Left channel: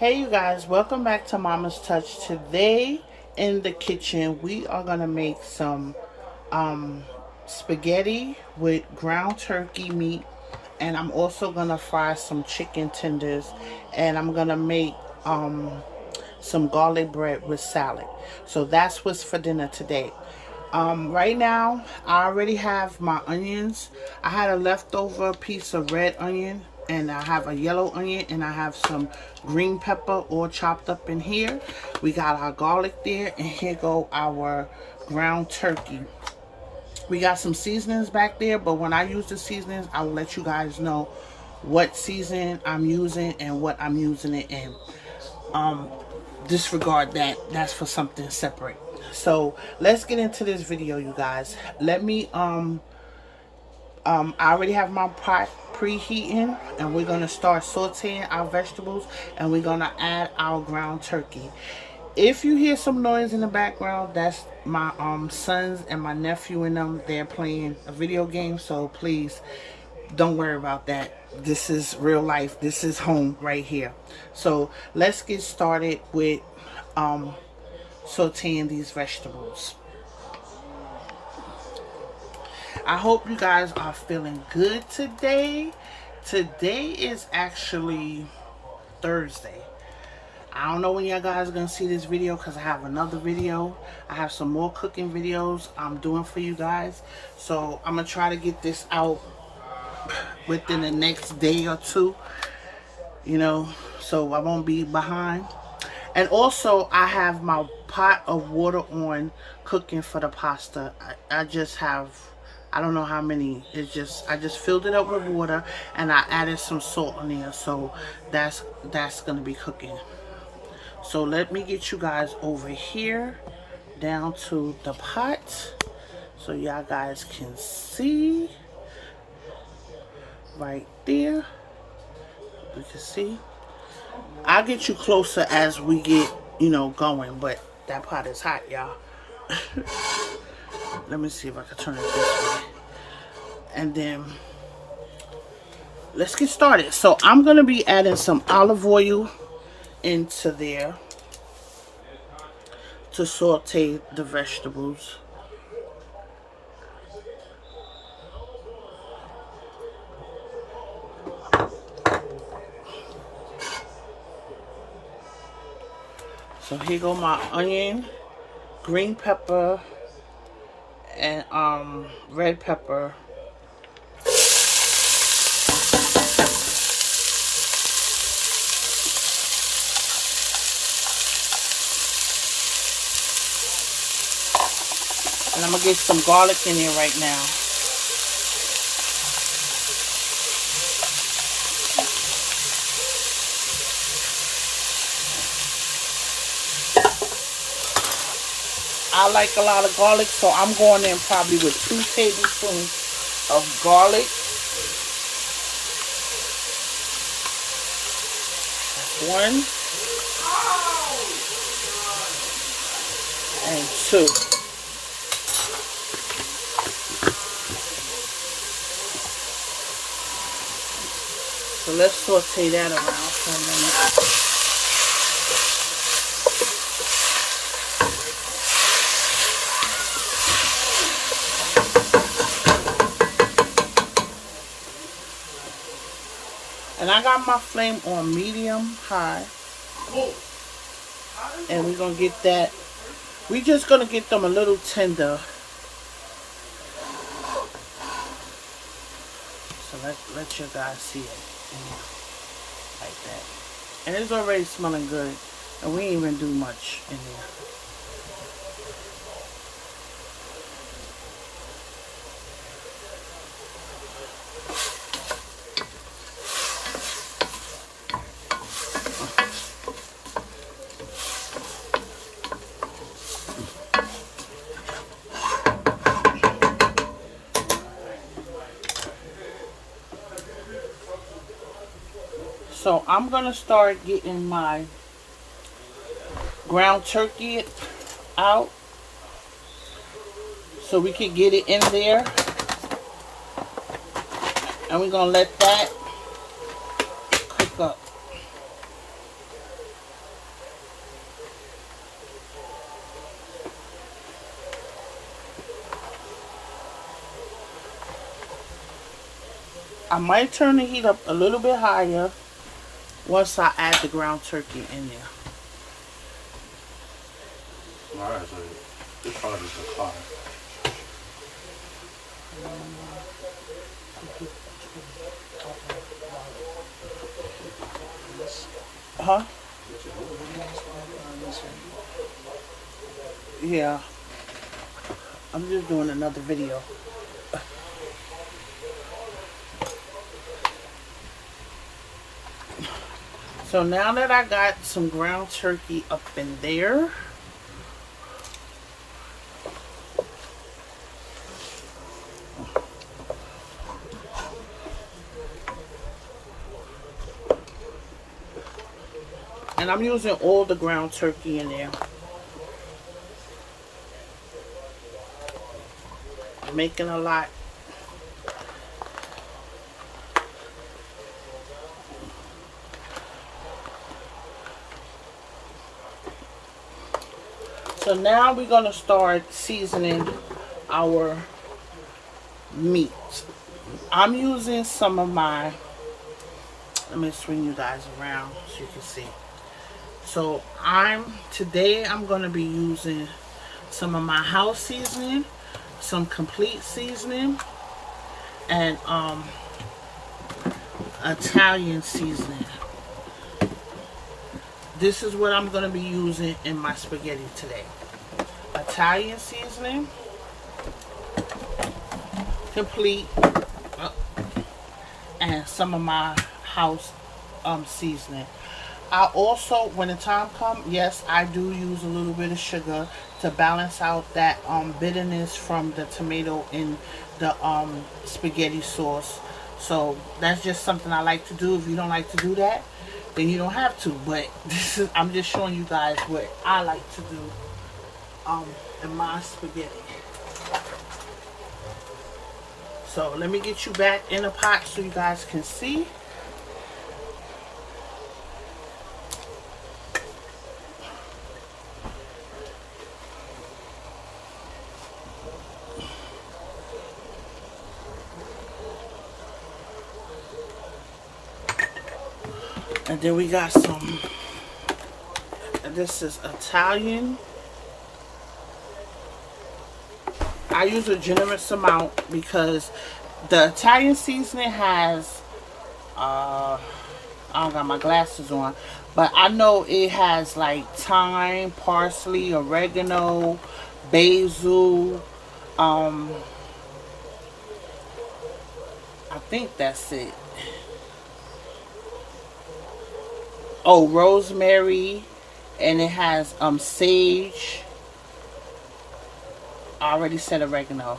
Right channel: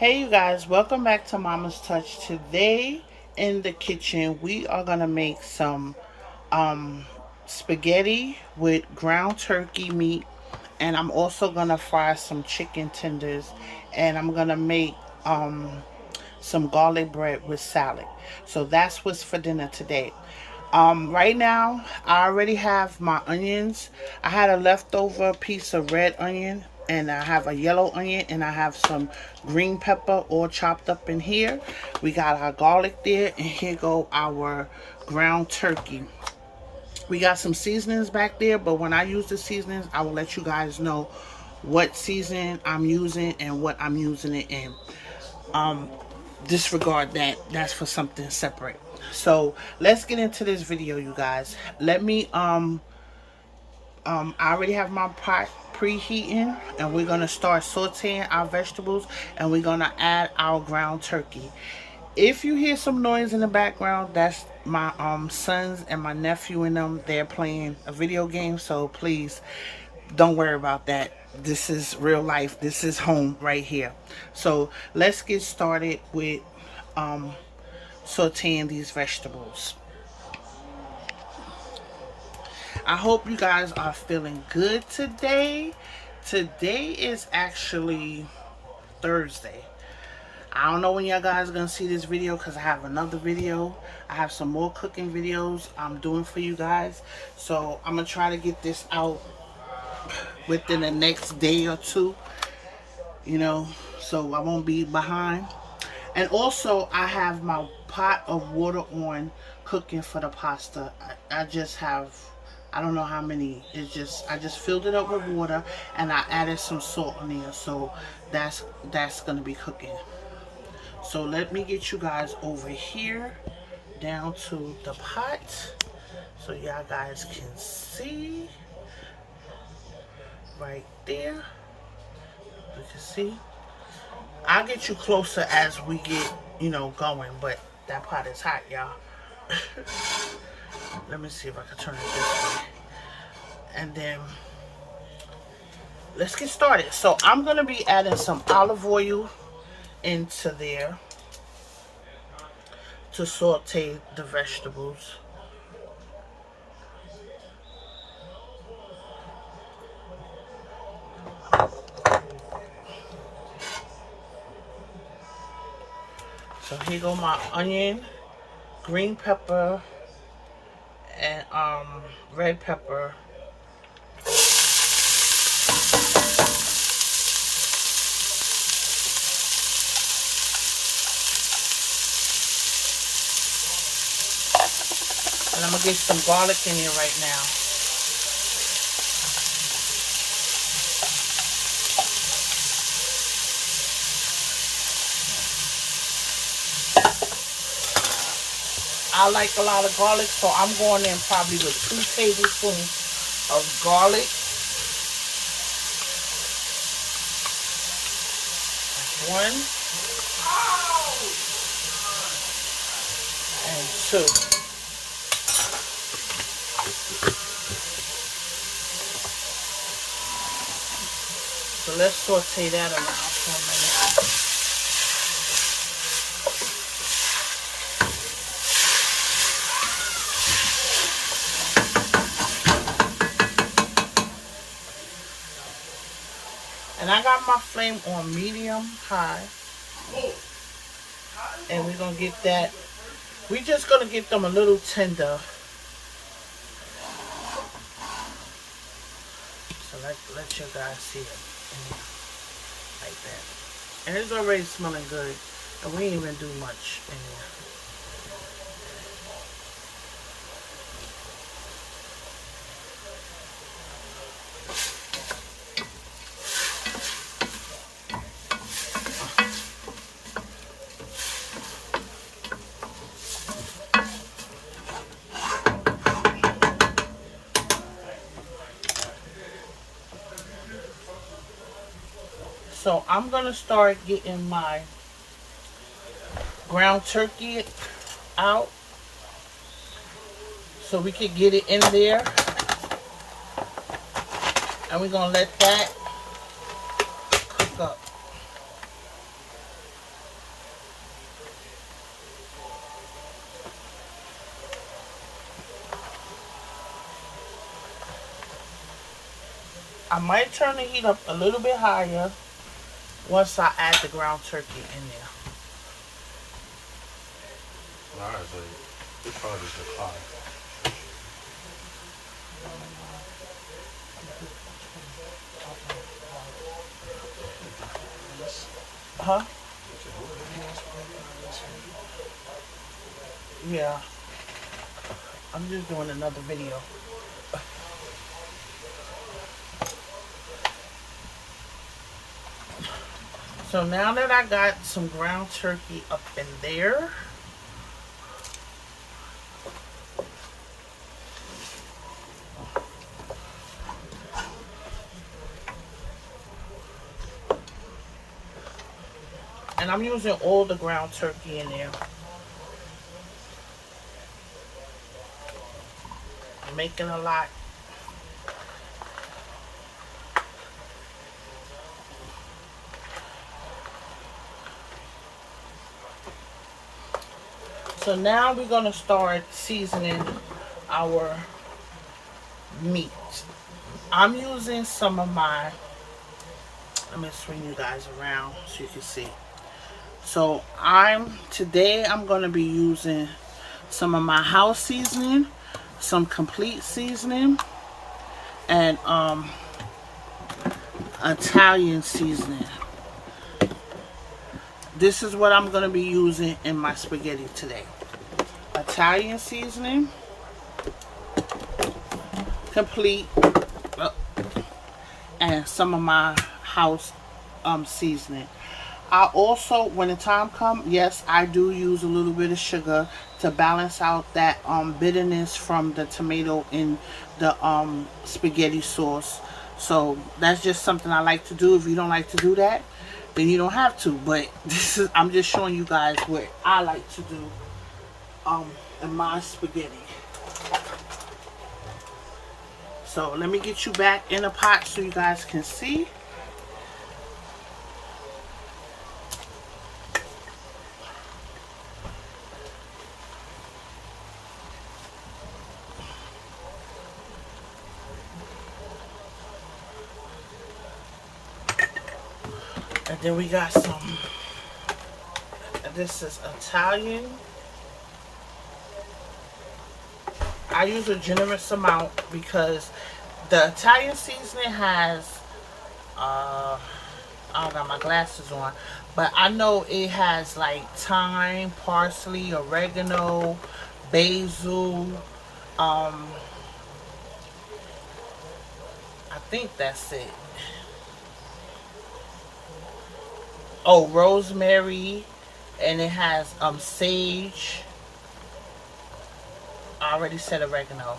Hey you guys, welcome back to Mama's Touch. Today in the kitchen we are gonna make some spaghetti with ground turkey meat, and I'm also gonna fry some chicken tenders, and I'm gonna make some garlic bread with salad. So that's what's for dinner today. Right now, I already have my onions. I had a leftover piece of red onion, and I have a yellow onion, and I have some green pepper all chopped up in here. We got our garlic there, and here go our ground turkey. We got some seasonings back there, but when I use the seasonings, I will let you guys know what seasoning I'm using and what I'm using it in. Disregard that. That's for something separate. So let's get into this video, you guys. Let me I already have my pot preheating, and we're gonna start sauteing our vegetables, and we're gonna add our ground turkey. If you hear some noise in the background, that's my sons and my nephew and them. They're playing a video game, so please don't worry about that. This is real life. This is home right here. So let's get started with sauteing these vegetables. I hope you guys are feeling good today. Today is actually Thursday. I don't know when y'all guys are going to see this video, because I have another video. I have some more cooking videos I'm doing for you guys. So I'm going to try to get this out within the next day or two, you know, so I won't be behind. And also, I have my pot of water on cooking for the pasta. I just have, I don't know how many. It's just, I just filled it up with water, and I added some salt in there. So that's going to be cooking. So let me get you guys over here down to the pot so y'all guys can see. Right there. You can see. I'll get you closer as we get, going, but that pot is hot, y'all. Let me see if I can turn it this way. And then let's get started. So I'm going to be adding some olive oil into there to saute the vegetables. So here go my onion, green pepper, and red pepper. And I'm gonna get some garlic in here right now. I like a lot of garlic, so I'm going in probably with 2 tablespoons of garlic. 1 and 2. So let's saute that around. And I got my flame on medium high. And we're going to get that. We're just going to get them a little tender. So let you guys see it. Like that. And it's already smelling good. And we ain't even do much in there. So I'm going to start getting my ground turkey out so we can get it in there. And we're going to let that cook up. might turn the heat up a little bit higher once I add the ground turkey in there. Alright, so this part is just fine. Huh? Yeah. I'm just doing another video. So now that I got some ground turkey up in there, and I'm using all the ground turkey in there. I'm making a lot. So now we're going to start seasoning our meat. I'm using some of my, let me swing you guys around so you can see. So today I'm going to be using some of my house seasoning, some complete seasoning, and Italian seasoning. This is what I'm going to be using in my spaghetti today. Italian seasoning, complete, and some of my house seasoning. I also, when the time comes, yes, I do use a little bit of sugar to balance out that bitterness from the tomato in the spaghetti sauce. So that's just something I like to do. If you don't like to do that, then you don't have to. But I'm just showing you guys what I like to do in my spaghetti. So let me get you back in a pot so you guys can see. And then we got some, this is Italian. I use a generous amount because the Italian seasoning has, I don't got my glasses on, but I know it has like thyme, parsley, oregano, basil, I think that's it. Oh, rosemary, and it has sage. I already said oregano.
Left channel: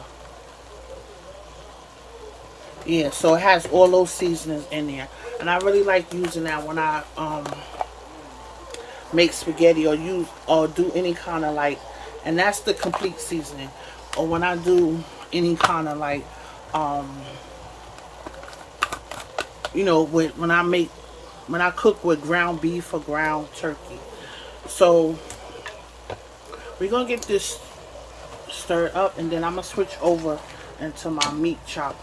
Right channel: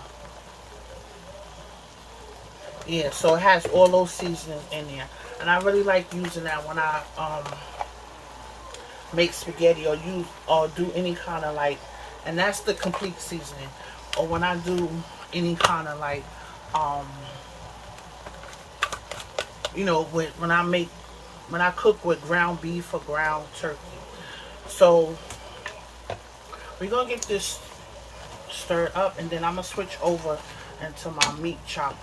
Yeah, so it has all those seasonings in there, and I really like using that when I make spaghetti or do any kind of like, and that's the complete seasoning. Or when I do any kind of like you know, when I cook with ground beef or ground turkey. So we're gonna get this stirred up, and then I'm gonna switch over into my meat chopper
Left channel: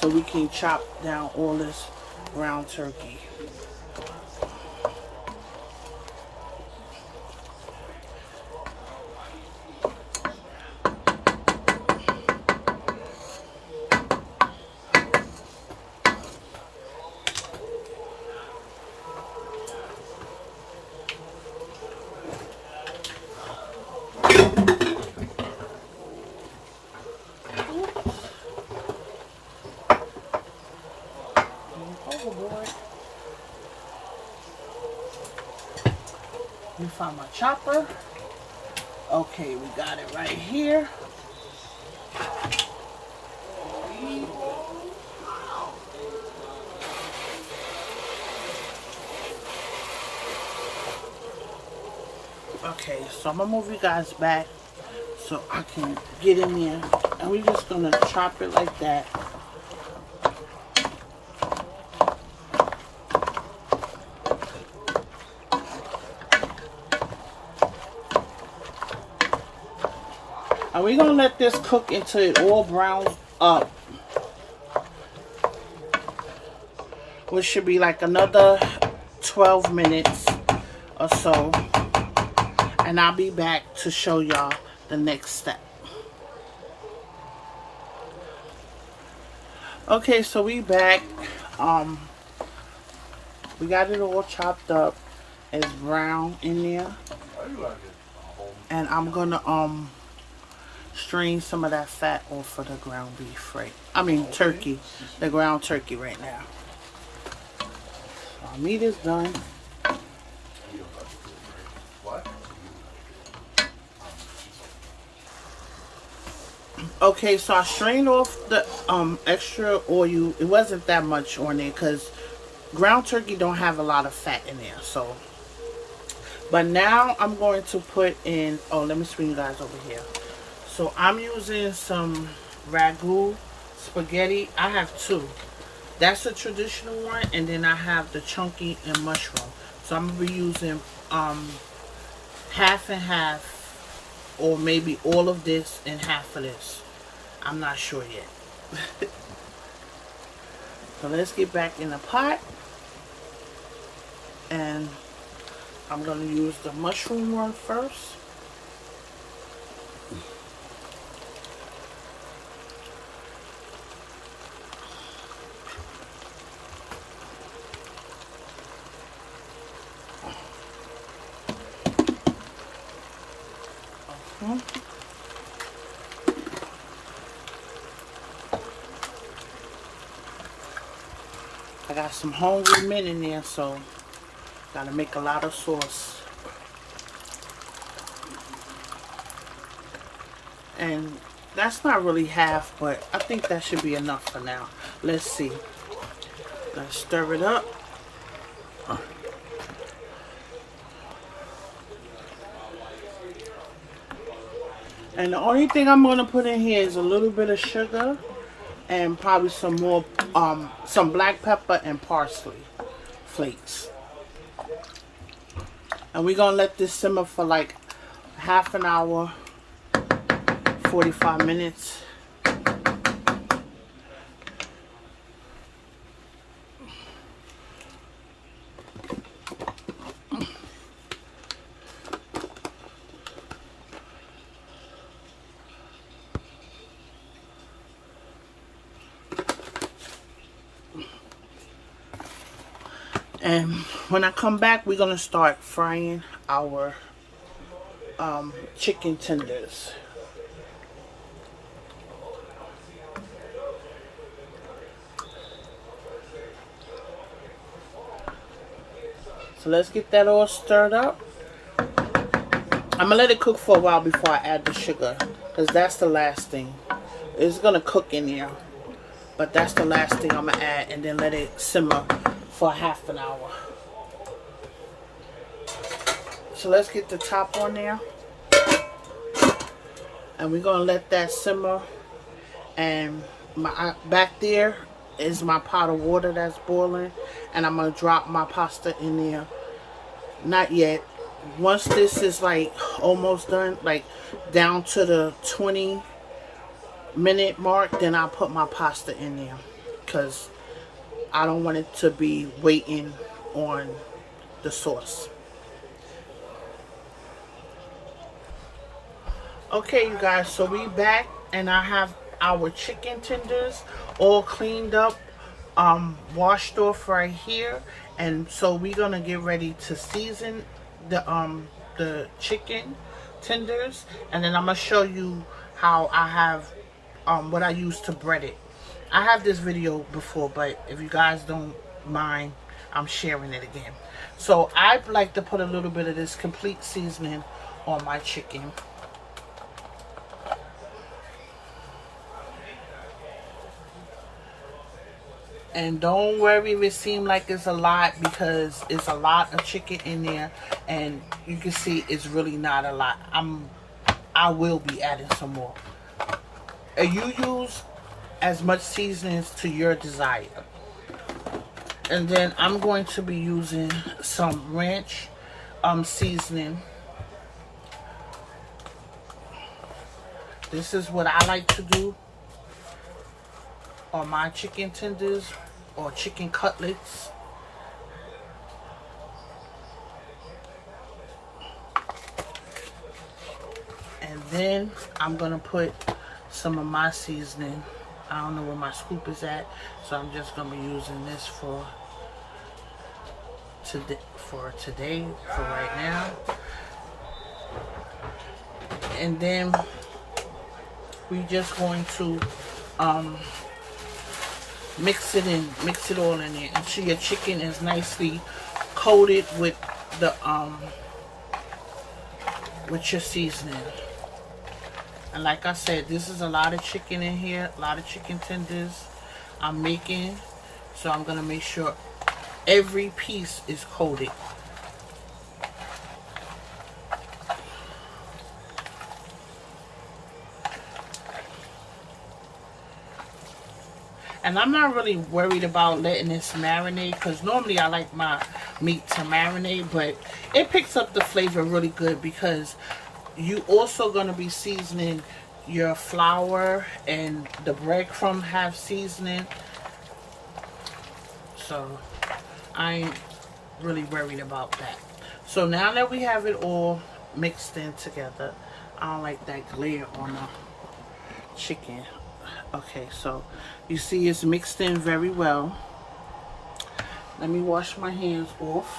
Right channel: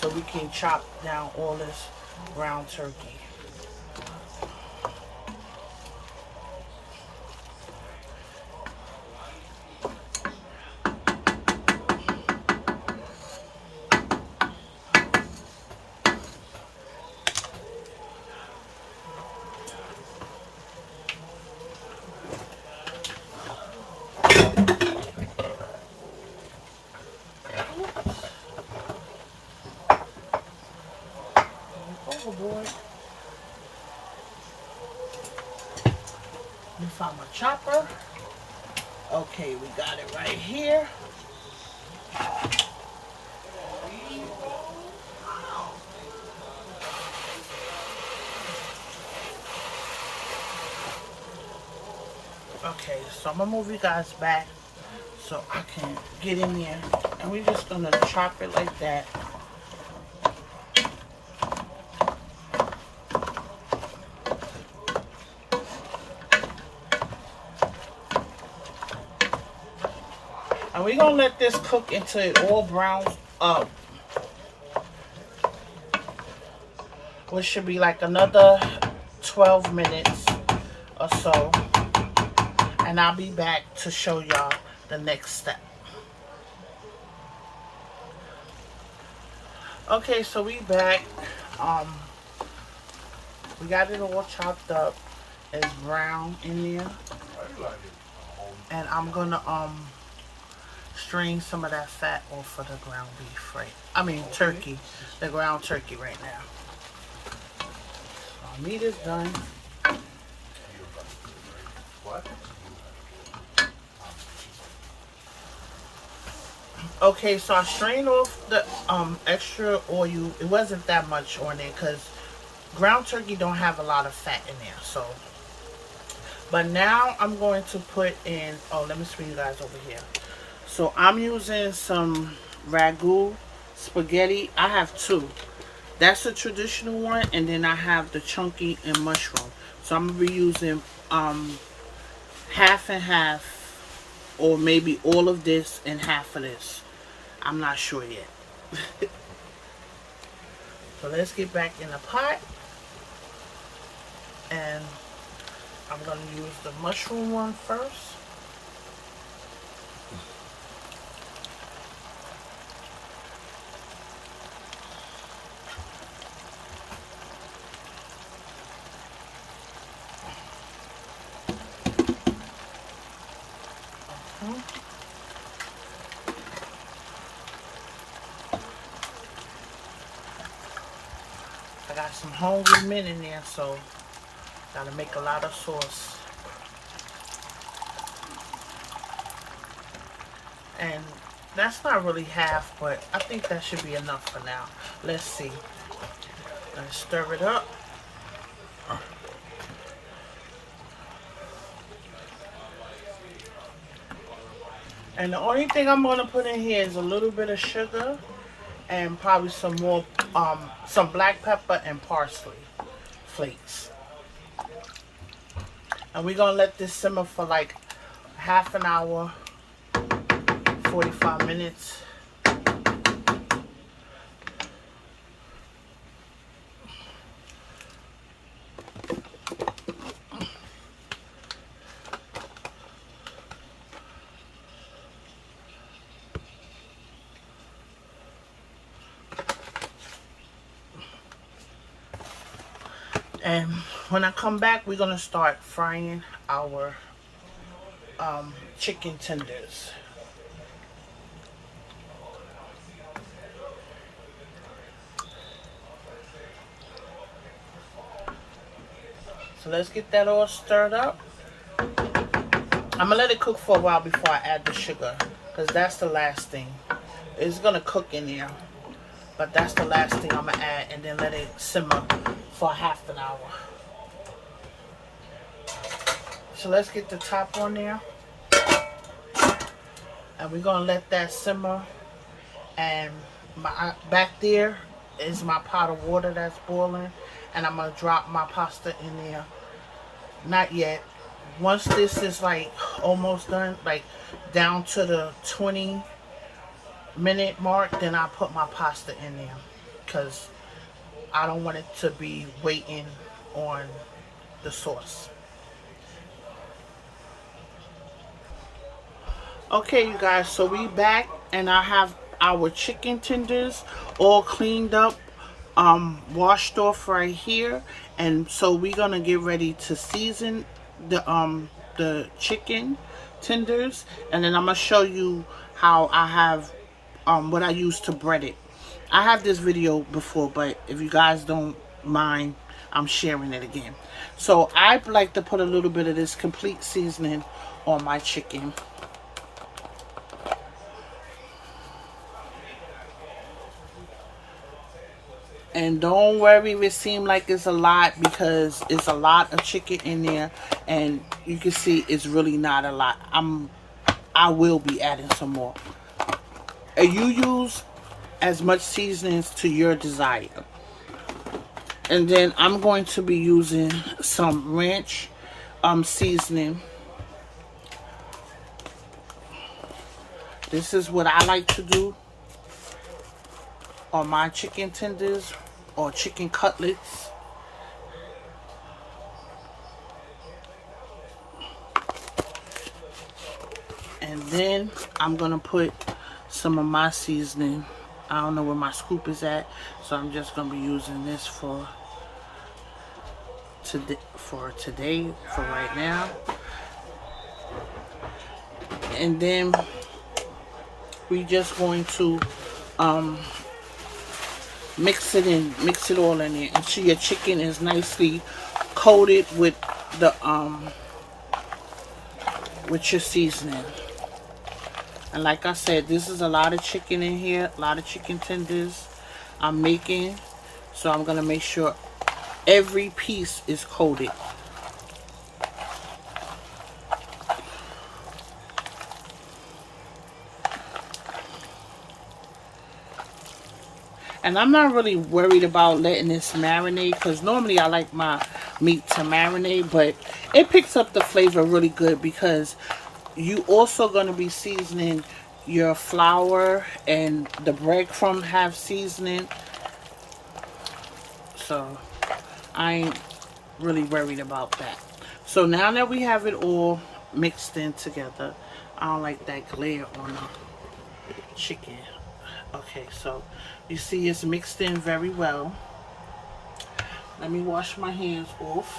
so we can chop down all this ground turkey. Let me find my chopper. Okay, we got it right here. Okay, so I'm gonna move you guys back so I can get in there, and we're just gonna chop it like that. And we're gonna let this cook until it all browns up. which should be like another 12 minutes or so, and I'll be back to show y'all the next step. Okay, so we back. We got it all chopped up. It's brown in there, and I'm gonna strain some of that fat off of the ground beef, right? I mean turkey, the ground turkey right now. So meat is done. Okay, so I strained off the extra oil. It wasn't that much on there because ground turkey don't have a lot of fat in there. So, but now I'm going to put in. Oh, let me swing you guys over here. So I'm using some ragu spaghetti. I have two. That's the traditional one, and then I have the chunky and mushroom. So I'm gonna be using half and half, or maybe all of this and half of this. I'm not sure yet. So let's get back in the pot, and I'm gonna use the mushroom one first. I got some hungry men in there, so gotta make a lot of sauce. And that's not really half, but I think that should be enough for now. Let's see. Let's stir it up. And the only thing I'm gonna put in here is a little bit of sugar and probably some more, some black pepper and parsley flakes. And we're gonna let this simmer for like half an hour, 45 minutes. And when I come back, we're gonna start frying our chicken tenders. So let's get that all stirred up. I'm gonna let it cook for a while before I add the sugar, because that's the last thing. It's gonna cook in there, but that's the last thing I'm gonna add, and then let it simmer for half an hour. So let's get the top on there, and we're gonna let that simmer. And my back there is my pot of water that's boiling, and I'm gonna drop my pasta in there. Not yet. Once this is like almost done, like down to the 20-minute mark, then I'll put my pasta in there, because I don't want it to be waiting on the sauce. Okay, you guys, so we back, and I have our chicken tenders all cleaned up, washed off right here. And so we're gonna get ready to season the chicken tenders, and then I'm gonna show you how I have what I use to bread it. I have this video before, but if you guys don't mind, I'm sharing it again. So I like to put a little bit of this complete seasoning on my chicken. And don't worry if it seems like it's a lot, because it's a lot of chicken in there, and you can see it's really not a lot. I will be adding some more. And you use as much seasonings to your desire. And then I'm going to be using some ranch seasoning. This is what I like to do on my chicken tenders. or chicken cutlets. And then I'm gonna put some of my seasoning. I don't know where my scoop is at, so I'm just gonna be using this for today, for right now. And then we just going to mix it all in there. And your chicken is nicely coated with the with your seasoning. And like I said, this is a lot of chicken in here, a lot of chicken tenders I'm making. So I'm gonna make sure every piece is coated. And I'm not really worried about letting this marinate, because normally I like my meat to marinate, but it picks up the flavor really good because you also going to be seasoning your flour, and the breadcrumb have seasoning. So I ain't really worried about that. So now that we have it all mixed in together, I don't like that glare on the chicken. Okay, so you see it's mixed in very well. Let me wash my hands off.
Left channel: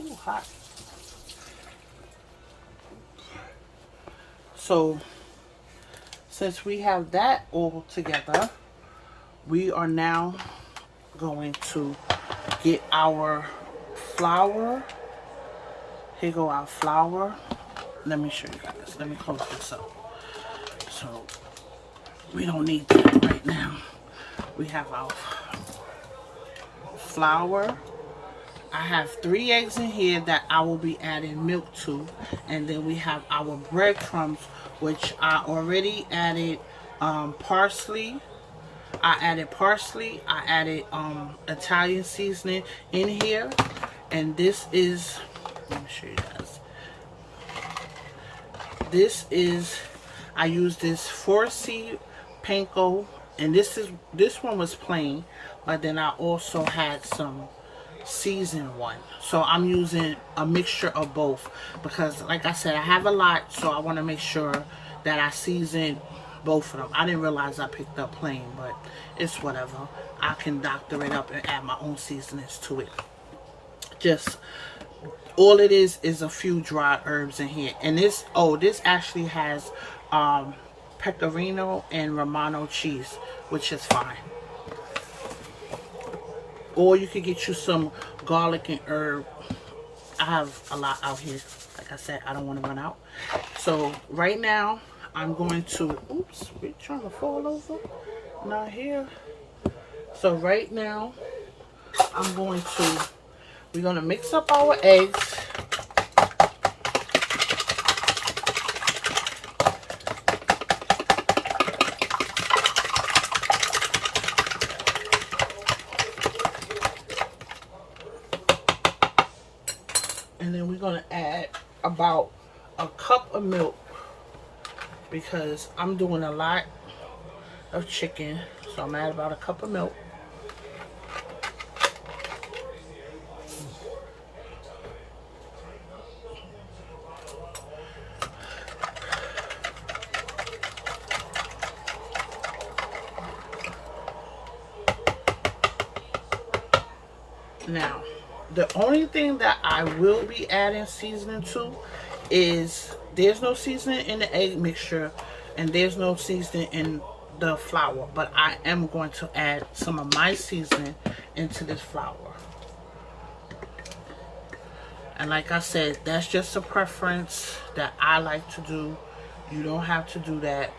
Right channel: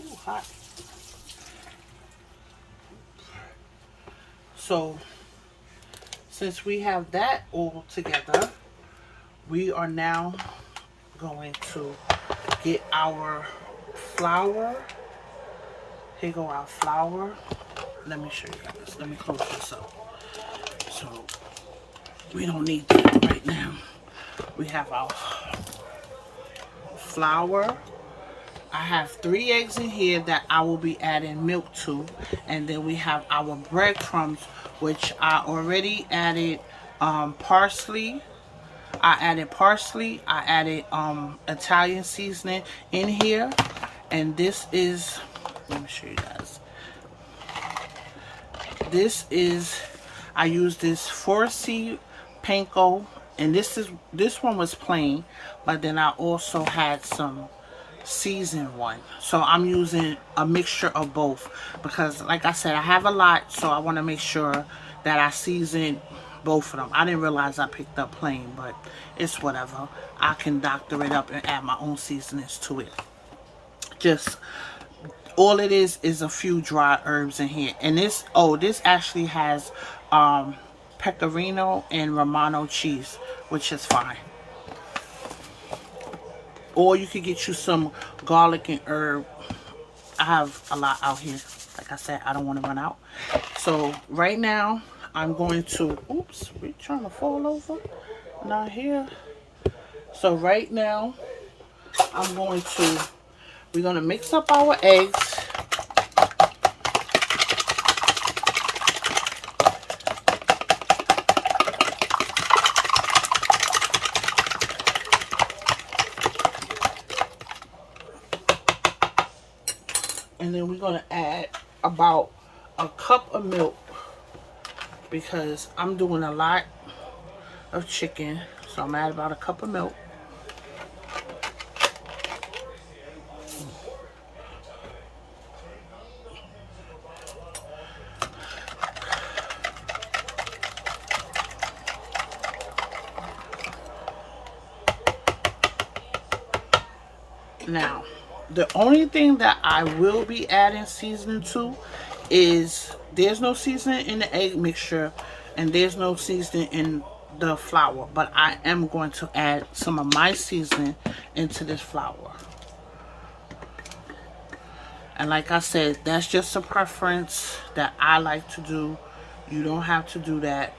Ooh, hot. So since we have that all together, we are now going to get our flour. Here go our flour. Let me show you guys. Let me close this up. So we don't need that right now. We have our flour. I have 3 eggs in here that I will be adding milk to. And then we have our breadcrumbs, which I already added parsley. I added Italian seasoning in here. And this is, let me show you guys. This is, I use this 4C panko, and this one was plain, but then I also had some seasoned one. So I'm using a mixture of both because, like I said, I have a lot, so I want to make sure that I season both of them. I didn't realize I picked up plain, but it's whatever. I can doctor it up and add my own seasonings to it. Just all it is a few dry herbs in here. And this actually has pecorino and Romano cheese, which is fine. Or you could get you some garlic and herb. I have a lot out here. Like I said, I don't want to run out. So right now, I'm going to, oops, we trying to fall over? Not here. So right now, we're going to mix up our eggs. And then we're going to add about a cup of milk because I'm doing a lot of chicken. So I'm adding about a cup of milk. Now, the only thing that I will be adding seasoning to is there's no seasoning in the egg mixture and there's no seasoning in the flour, but I am going to add some of my seasoning into this flour. And like I said, that's just a preference that I like to do. You don't have to do that.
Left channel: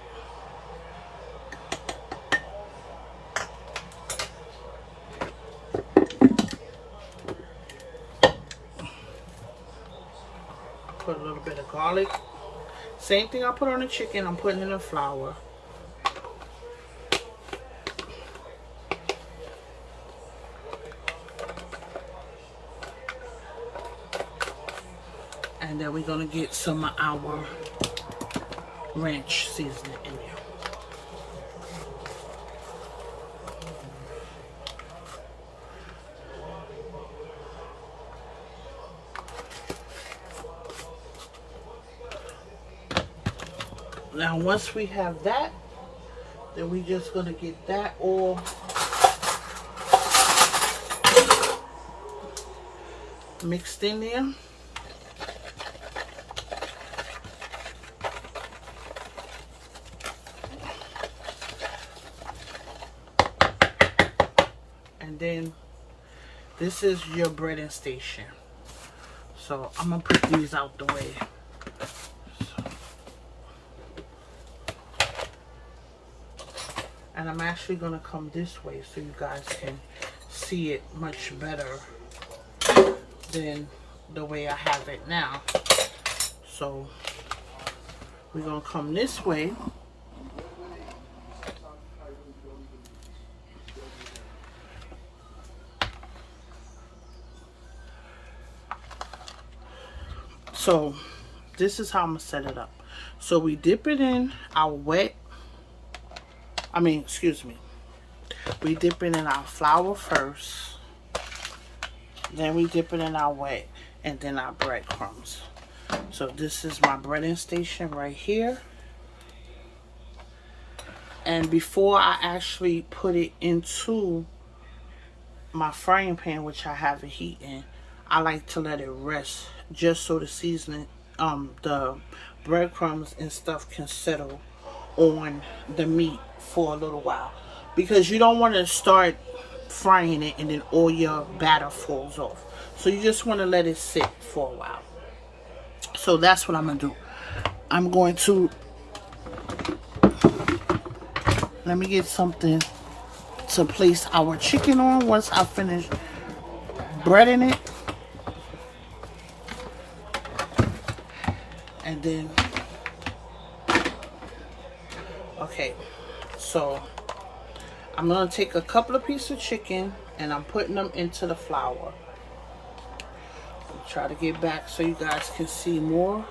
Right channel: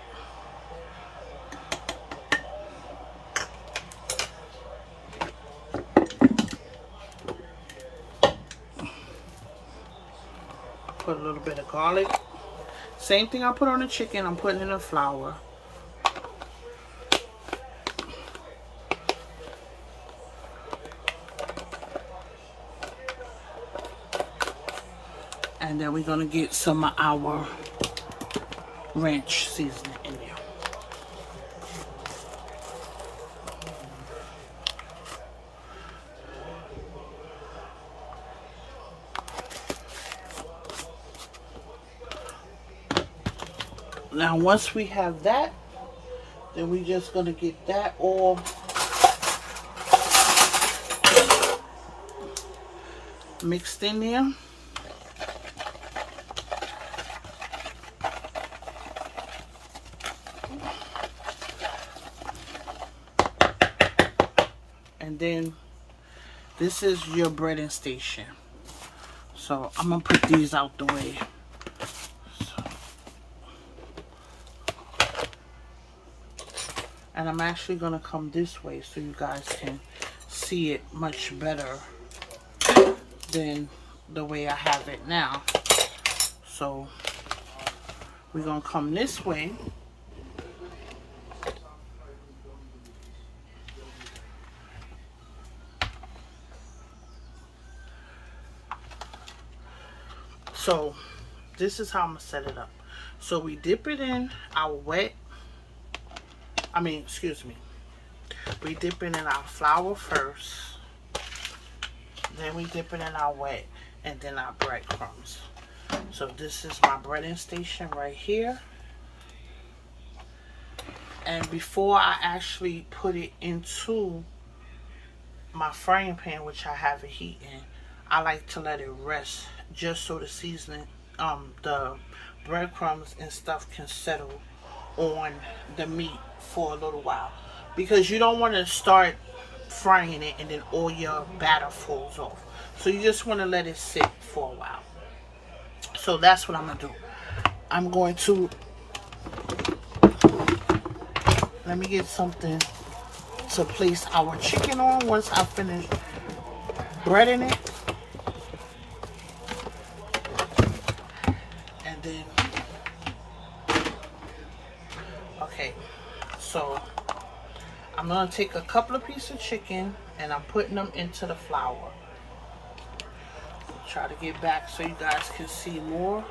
Put a little bit of garlic. Same thing I put on the chicken, I'm putting in the flour. And then we're going to get some of our ranch seasoning in there. Now once we have that, then we just going to get that all mixed in there. And then this is your breading station. So I'm going to put these out the way. And I'm actually going to come this way so you guys can see it much better than the way I have it now. So we're going to come this way. So this is how I'm going to set it up. So we dip it in our we dip it in our flour first, then we dip it in our wet, and then our breadcrumbs. So this is my breading station right here. And before I actually put it into my frying pan, which I have a heat in, I like to let it rest just so the seasoning, the breadcrumbs and stuff can settle on the meat for a little while, because you don't want to start frying it and then all your batter falls off. So you just want to let it sit for a while. So that's what I'm going to do. I'm going to, let me get something to place our chicken on once I finish breading it. And then, okay, so I'm going to take a couple of pieces of chicken and I'm putting them into the flour. Try to get back so you guys can see more.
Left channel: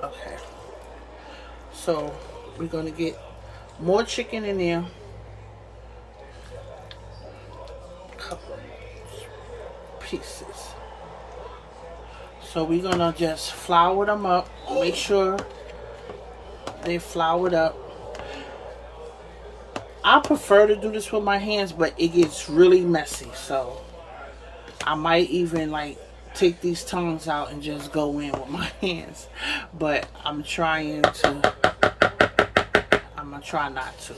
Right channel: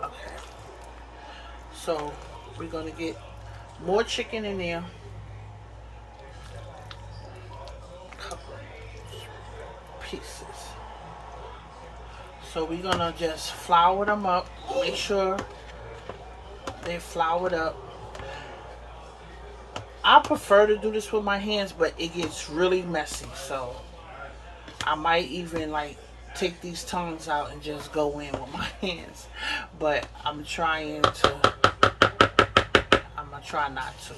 Okay, so we're going to get more chicken in there. Pieces. So we're gonna just flour them up. Make sure they floured up. I prefer to do this with my hands, but it gets really messy. So I might even like take these tongues out and just go in with my hands. But I'm gonna try not to.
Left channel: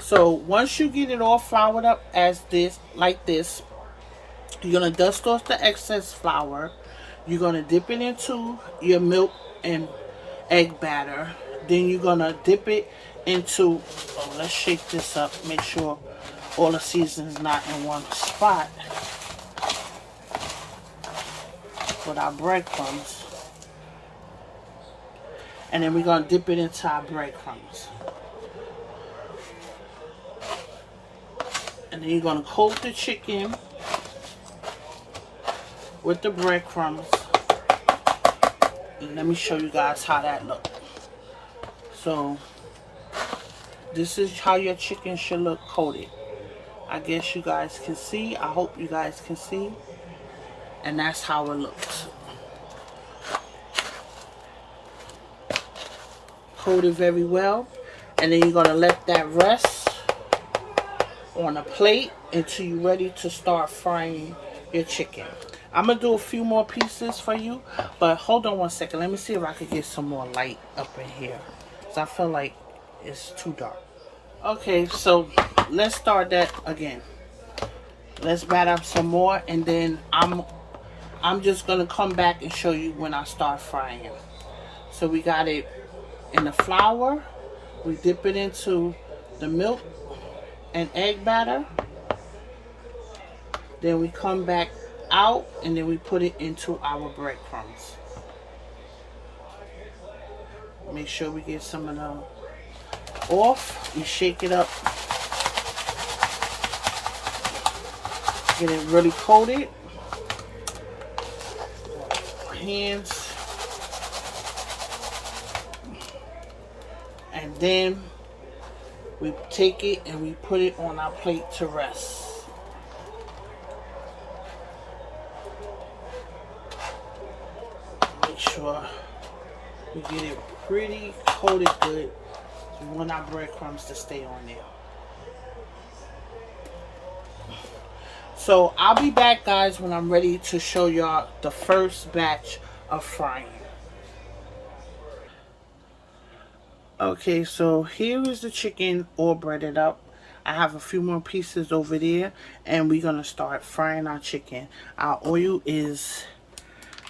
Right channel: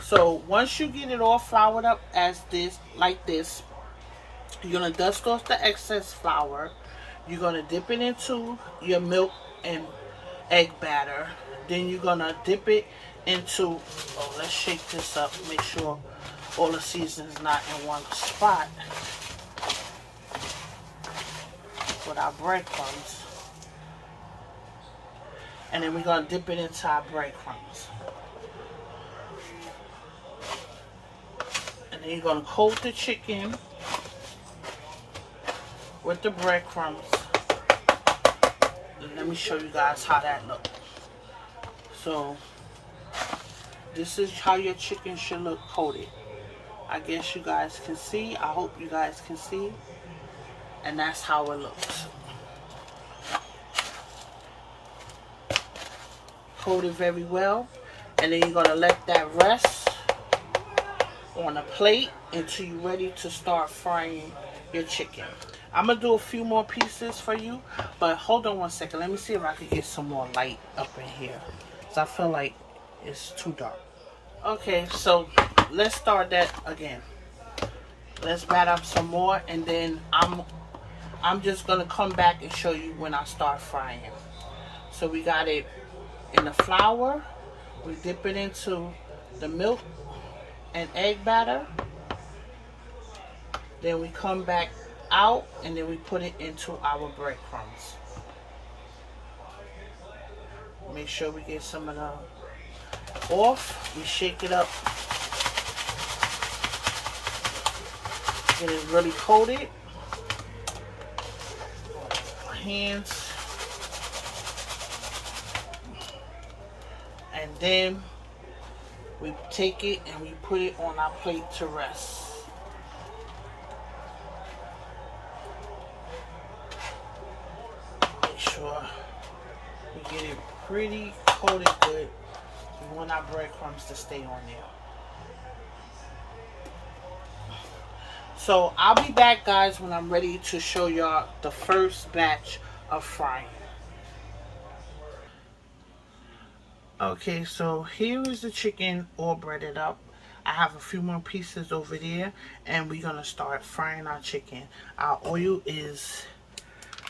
So once you get it all floured up as this, like this, you're going to dust off the excess flour. You're going to dip it into your milk and egg batter. Then you're going to dip it into, let's shake this up, make sure all the seasoning is not in one spot. With our breadcrumbs. And then we're going to dip it into our breadcrumbs. And then you're going to coat the chicken with the breadcrumbs. And let me show you guys how that looks. So this is how your chicken should look coated. I guess you guys can see. I hope you guys can see. And that's how it looks. Coated very well. And then you're going to let that rest on a plate until you're ready to start frying your chicken. I'm going to do a few more pieces for you, but hold on one second. Let me see if I can get some more light up in here, because I feel like it's too dark. Okay, so let's start that again. Let's batter up some more, and then I'm just going to come back and show you when I start frying. So we got it in the flour. We dip it into the milk and egg batter. Then we come back out and then we put it into our breadcrumbs. Make sure we get some of the off. We shake it up Get it really coated. Hands. And then we take it and we put it on our plate to rest. Make sure we get it pretty coated good. We want our breadcrumbs to stay on there. So I'll be back, guys, when I'm ready to show y'all the first batch of frying. Okay, so here is the chicken all breaded up. I have a few more pieces over there, and we're gonna start frying our chicken. Our oil is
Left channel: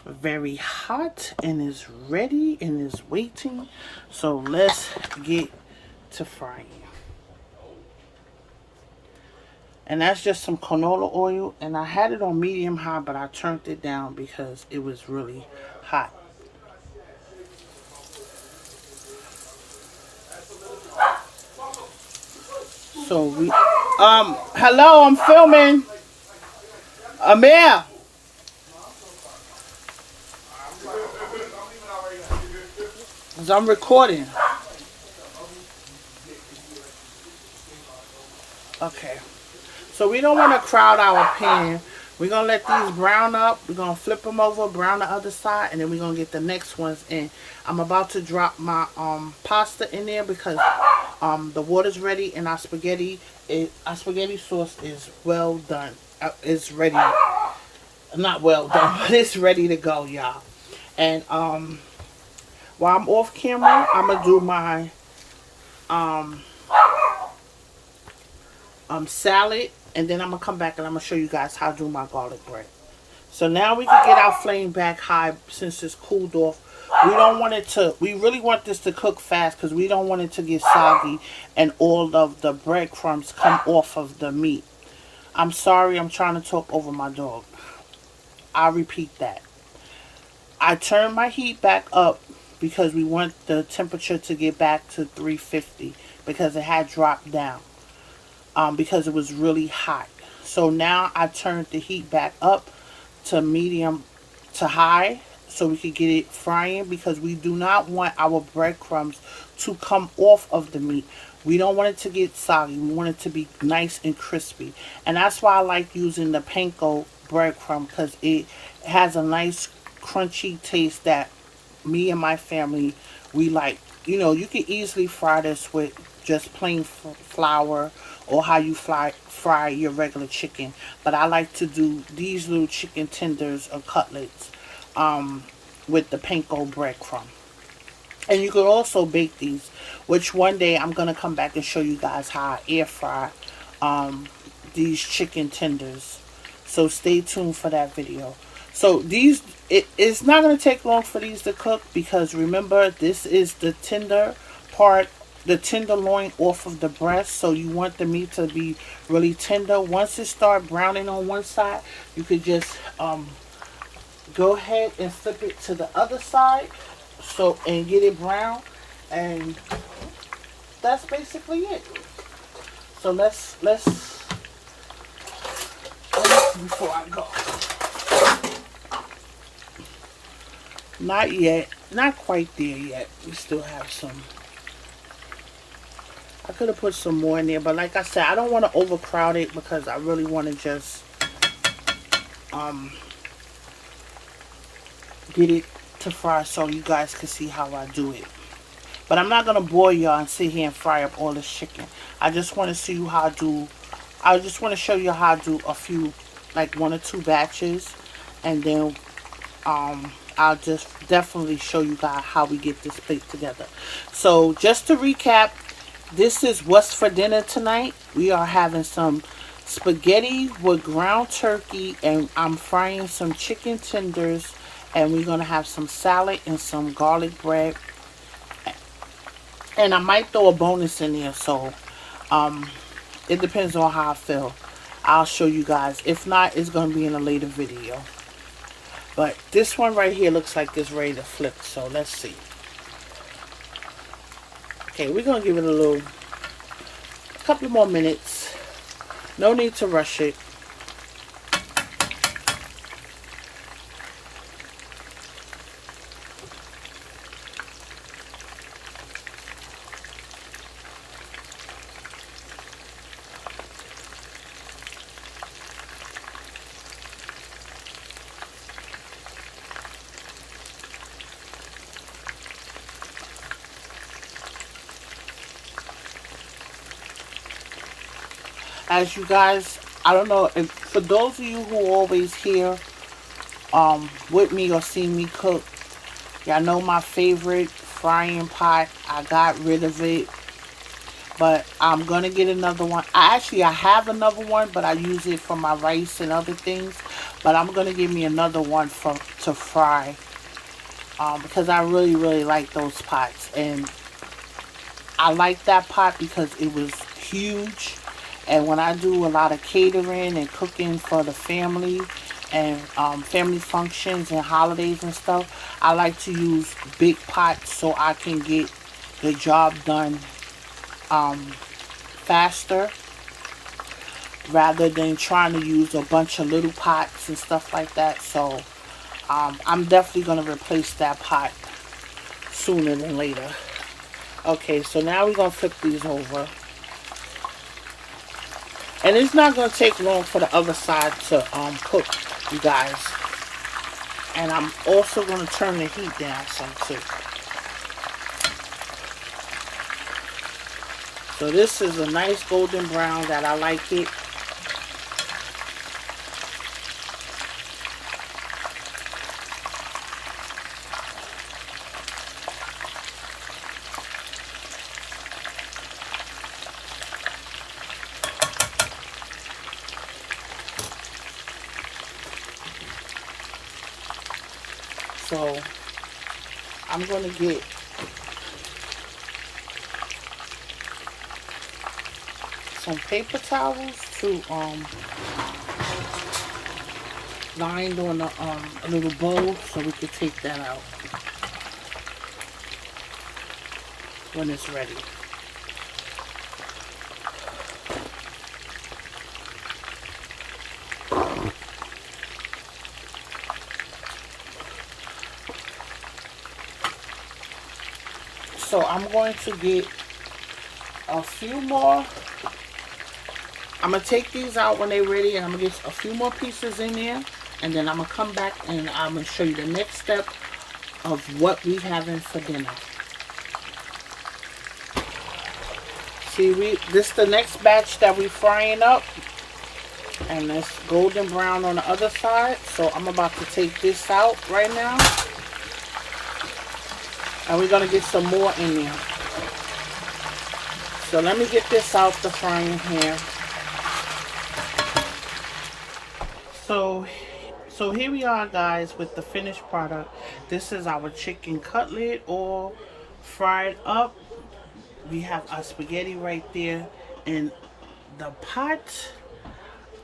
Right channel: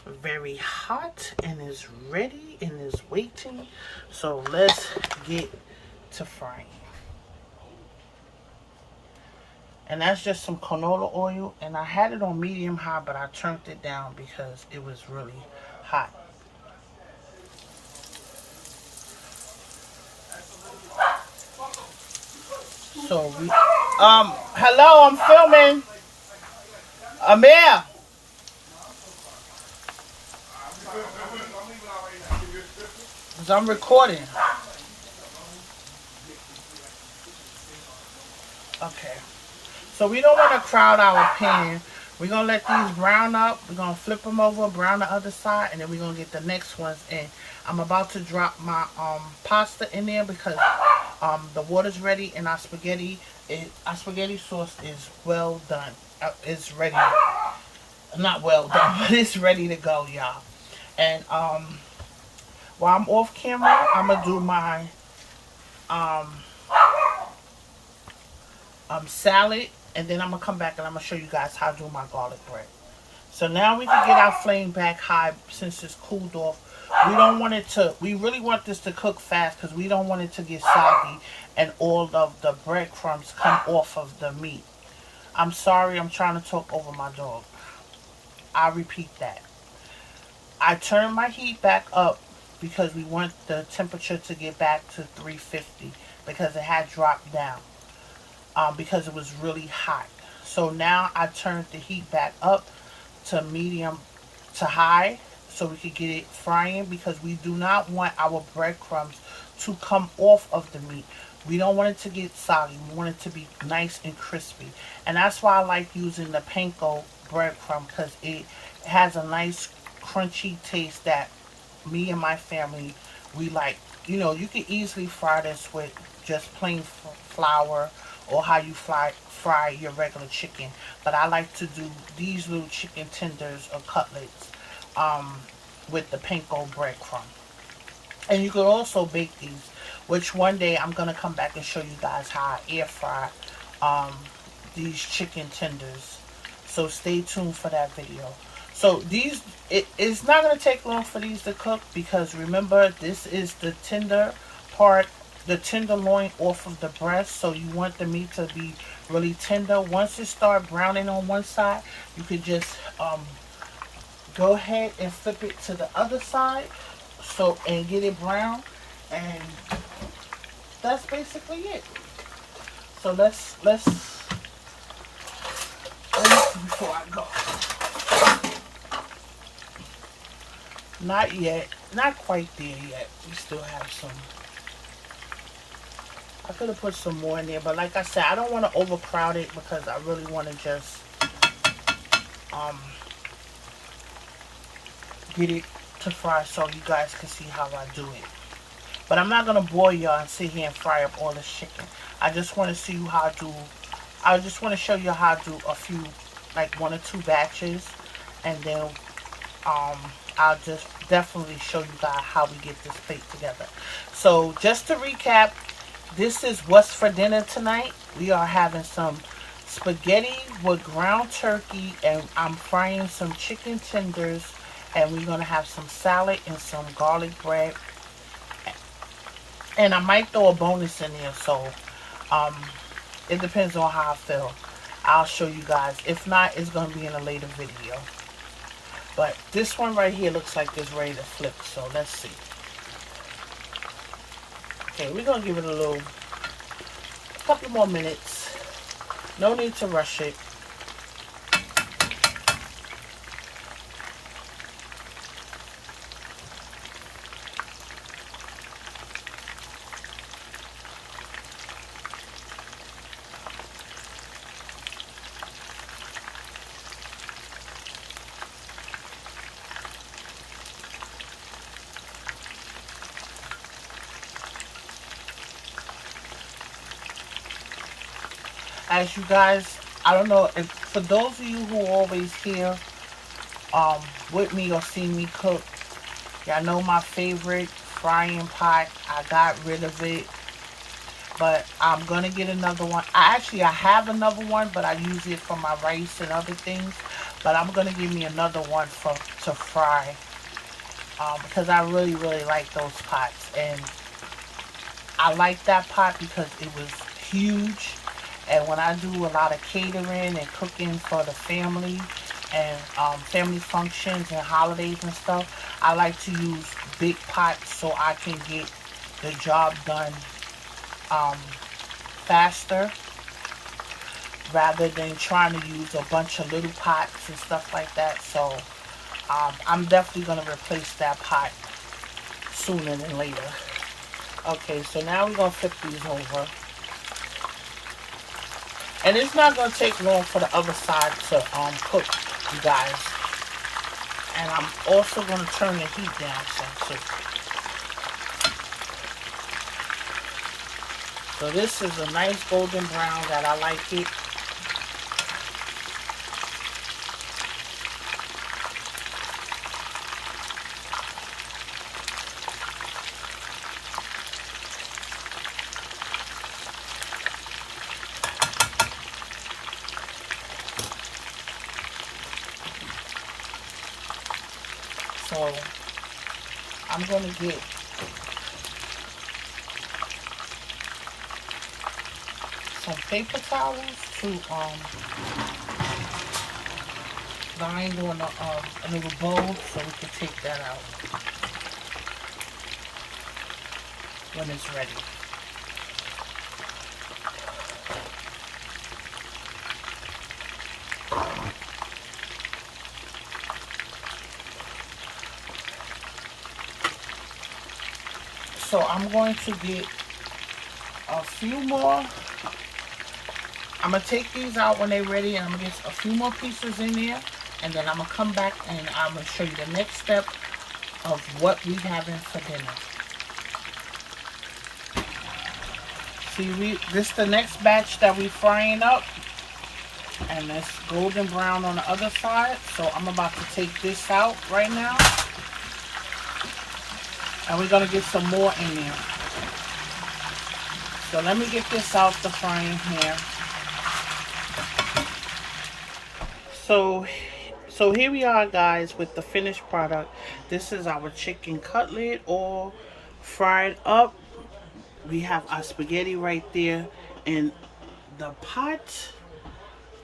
very hot and is ready and is waiting. So let's get to frying. And that's just some canola oil, and I had it on medium high, but I turned it down because it was really hot. So we, hello, I'm filming. Amir. As I'm recording. Okay. So we don't want to crowd our pan. We're going to let these brown up. We're going to flip them over, brown the other side, and then we're going to get the next ones in. I'm about to drop my pasta in there because the water's ready and our spaghetti sauce is well done. It's ready. Not well done, but it's ready to go, y'all. And while I'm off camera, I'm going to do my salad, and then I'm gonna come back and I'm gonna show you guys how to do my garlic bread. So now we can get our flame back high since it's cooled off. We don't want it to, we really want this to cook fast because we don't want it to get soggy and all of the breadcrumbs come off of the meat. I'm sorry, I'm trying to talk over my dog. I'll repeat that. I turned my heat back up because we want the temperature to get back to 350 because it had dropped down. Because it was really hot. So now I turned the heat back up to medium to high so we could get it frying, because we do not want our breadcrumbs to come off of the meat. We don't want it to get soggy. We want it to be nice and crispy. And that's why I like using the panko breadcrumb, because it has a nice crunchy taste that me and my family, we like. You know, you can easily fry this with just plain flour or how you fry your regular chicken. But I like to do these little chicken tenders or cutlets with the panko breadcrumb. And you can also bake these, which one day I'm going to come back and show you guys how I air fry these chicken tenders. So stay tuned for that video. So these, it's not going to take long for these to cook, because remember, this is the tender part, the tenderloin off of the breast. So you want the meat to be really tender. Once it starts browning on one side, you could just go ahead and flip it to the other side, so, and get it brown, and that's basically it. So let's before I go. Not yet. Not quite there yet. We still have some. I could have put some more in there, but like I said, I don't want to overcrowd it because I really want to just get it to fry so you guys can see how I do it. But I'm not going to bore y'all and sit here and fry up all this chicken. I just want to see you how to do, I just want to show you how to do a few, like 1 or 2 batches, and then I'll just definitely show you guys how we get this plate together. So just to recap, this is what's for dinner tonight. We are having some spaghetti with ground turkey, and I'm frying some chicken tenders, and we're going to have some salad and some garlic bread. And I might throw a bonus in there, so it depends on how I feel. I'll show you guys. If not, it's going to be in a later video. But this one right here looks like it's ready to flip, so let's see. Okay, we're going to give it a couple more minutes. No need to rush it. as you guys, I don't know if for those of you who always here with me or see me cook, y'all know my favorite frying pot. I got rid of it, but I'm gonna get another one. I have another one, but I use it for my rice and other things. But I'm gonna give me another one to fry, because I really like those pots, and I like that pot because it was huge. And when I do a lot of catering and cooking for the family and family functions and holidays and stuff, I like to use big pots so I can get the job done faster, rather than trying to use a bunch of little pots and stuff like that. So I'm definitely going to replace that pot sooner than later. Okay, so now we're going to flip these over. And it's not going to take long for the other side to cook, you guys. And I'm also going to turn the heat down some too. So this is a nice golden brown that I like it. So I'm going to get some paper towels to lined on a little bowl so we can take that out when it's ready. So I'm going to get a few more. I'm going to take these out when they're ready, and I'm going to get a few more pieces in there, and then I'm going to come back and I'm going to show you the next step of what we having for dinner. See, this is the next batch that we frying up, and it's golden brown on the other side. So I'm about to take this out right now. And we're going to get some more in there. So let me get this out the frying pan. So here we are, guys, with the finished product. This is our chicken cutlet all fried up. We have our spaghetti right there in the pot.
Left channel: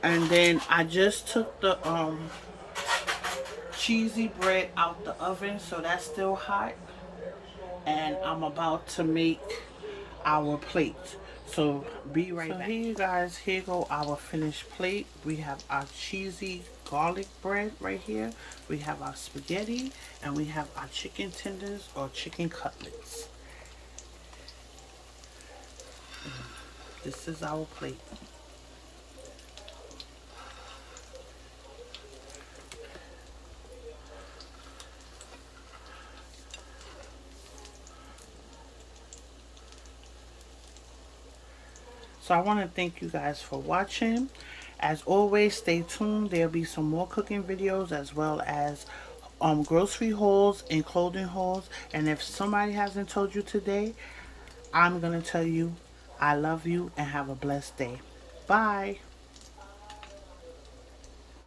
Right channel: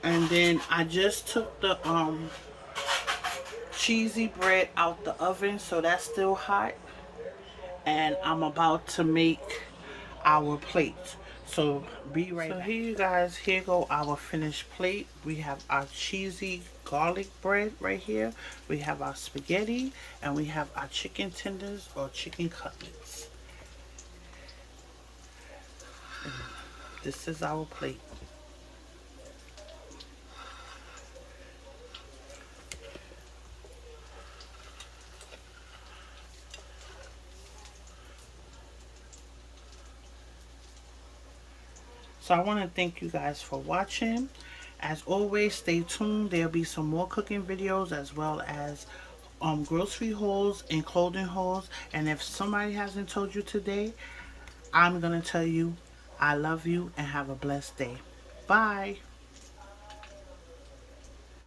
And then I just took the cheesy bread out the oven, so that's still hot. And I'm about to make our plate. So be right back. Here you guys, here go our finished plate. We have our cheesy garlic bread right here. We have our spaghetti, and we have our chicken tenders or chicken cutlets. And this is our plate. So I want to thank you guys for watching. As always, stay tuned. There'll be some more cooking videos, as well as grocery hauls and clothing hauls. And if somebody hasn't told you today, I'm going to tell you I love you and have a blessed day. Bye.